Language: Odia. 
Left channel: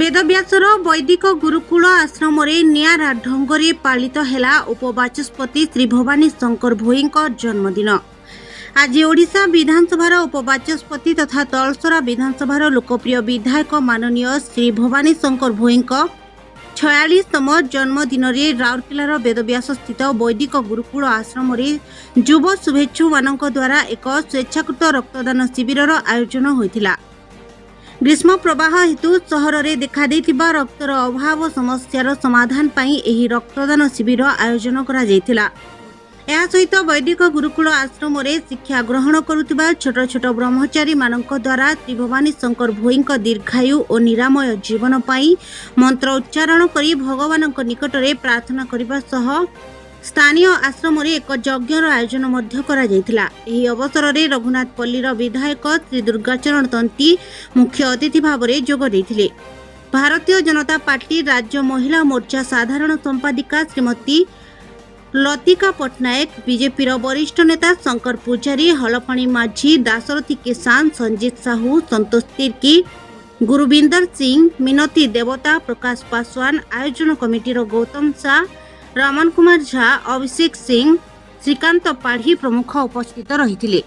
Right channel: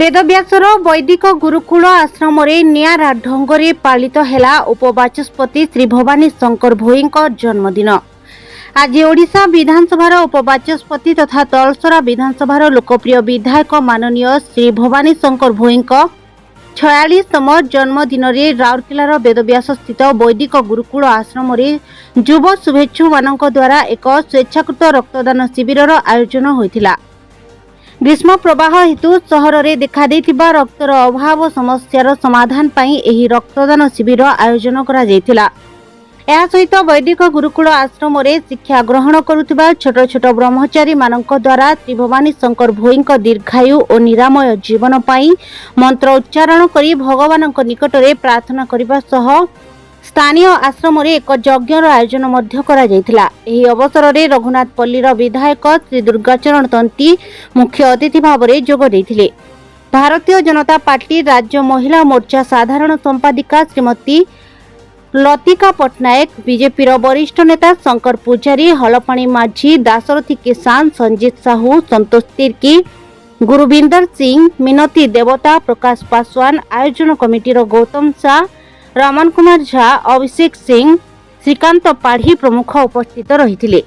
ବେଦବ୍ୟାସର ବୈଦିକ ଗୁରୁକୁଳ ଆଶ୍ରମରେ ନିଆରା ଢଙ୍ଗରେ ପାଳିତ ହେଲା ଉପବାଚସ୍ପତି ଶ୍ରୀ ଭବାନୀ ଶଙ୍କର ଭୋଇଙ୍କ ଜନ୍ମଦିନ। ଆଜି ଓଡ଼ିଶା ବିଧାନସଭାର ଉପବାଚସ୍ପତି ତଥା ତଳସରା ବିଧାନସଭାର ଲୋକପ୍ରିୟ ବିଧାୟକ ମାନନୀୟ ଶ୍ରୀ ଭବାନୀ ଶଙ୍କର ଭୋଇଙ୍କ 46ତମ ଜନ୍ମଦିନରେ ରାଉରକେଲାର ବେଦବ୍ୟାସ ସ୍ଥିତ ବୈଦିକ ଗୁରୁକୁଳ ଆଶ୍ରମରେ ଯୁବ ଶୁଭେଚ୍ଛୁମାନଙ୍କ ଦ୍ୱାରା ଏକ ସ୍ୱେଚ୍ଛାକୃତ ରକ୍ତଦାନ ଶିବିରର ଆୟୋଜନ ହୋଇଥିଲା। ଗ୍ରୀଷ୍ମ ପ୍ରବାହ ହେତୁ ସହରରେ ଦେଖାଦେଇଥିବା ରକ୍ତର ଅଭାବ ସମସ୍ୟାର ସମାଧାନ ପାଇଁ ଏହି ରକ୍ତଦାନ ଶିବିର ଆୟୋଜନ କରାଯାଇଥିଲା। ଏହା ସହିତ ବୈଦିକ ଗୁରୁକୁଳ ଆଶ୍ରମରେ ଶିକ୍ଷା ଗ୍ରହଣ କରୁଥିବା ଛୋଟ ଛୋଟ ବ୍ରହ୍ମଚାରୀମାନଙ୍କ ଦ୍ୱାରା ଶ୍ରୀ ଭବାନୀ ଶଙ୍କର ଭୋଇଙ୍କ ଦୀର୍ଘାୟୁ ଓ ନିରାମୟ ଜୀବନ ପାଇଁ ମନ୍ତ୍ର ଉଚ୍ଚାରଣ କରି ଭଗବାନଙ୍କ ନିକଟରେ ପ୍ରାର୍ଥନା କରିବା ସହ ସ୍ଥାନୀୟ ଆଶ୍ରମରେ ଏକ ଯଜ୍ଞର ଆୟୋଜନ ମଧ୍ୟ କରାଯାଇଥିଲା। ଏହି ଅବସରରେ ରଘୁନାଥପଲ୍ଲୀର ବିଧାୟକ ଶ୍ରୀ ଦୁର୍ଗାଚରଣ ତନ୍ତୀ ମୁଖ୍ୟ ଅତିଥି ଭାବରେ ଯୋଗ ଦେଇଥିଲେ। ଭାରତୀୟ ଜନତା ପାର୍ଟି ରାଜ୍ୟ ମହିଳା ମୋର୍ଚ୍ଚା ସାଧାରଣ ସମ୍ପାଦିକା ଶ୍ରୀମତୀ ଲତିକା ପଟ୍ଟନାୟକ, ବିଜେପିର ବରିଷ୍ଠ ନେତା ଶଙ୍କର ପୂଜାରୀ, ହଳପାଣି ମାଝୀ, ଦାଶରଥୀ କିଷାନ, ସଞ୍ଜିତ ସାହୁ, ସନ୍ତୋଷ ତିର୍କି, ଗୁରୁବିନ୍ଦର ସିଂ, ମିନତୀ ଦେବତା, ପ୍ରକାଶ ପାଶୱାନ, ଆୟୋଜନ କମିଟିର ଗୌତମ ଶାହ, ରମନ କୁମାର ଝା, ଅଭିଷେକ ସିଂ, ଶ୍ରୀକାନ୍ତ ପାଢ଼ୀ ପ୍ରମୁଖ ଉପସ୍ଥିତ ରହିଥିଲେ।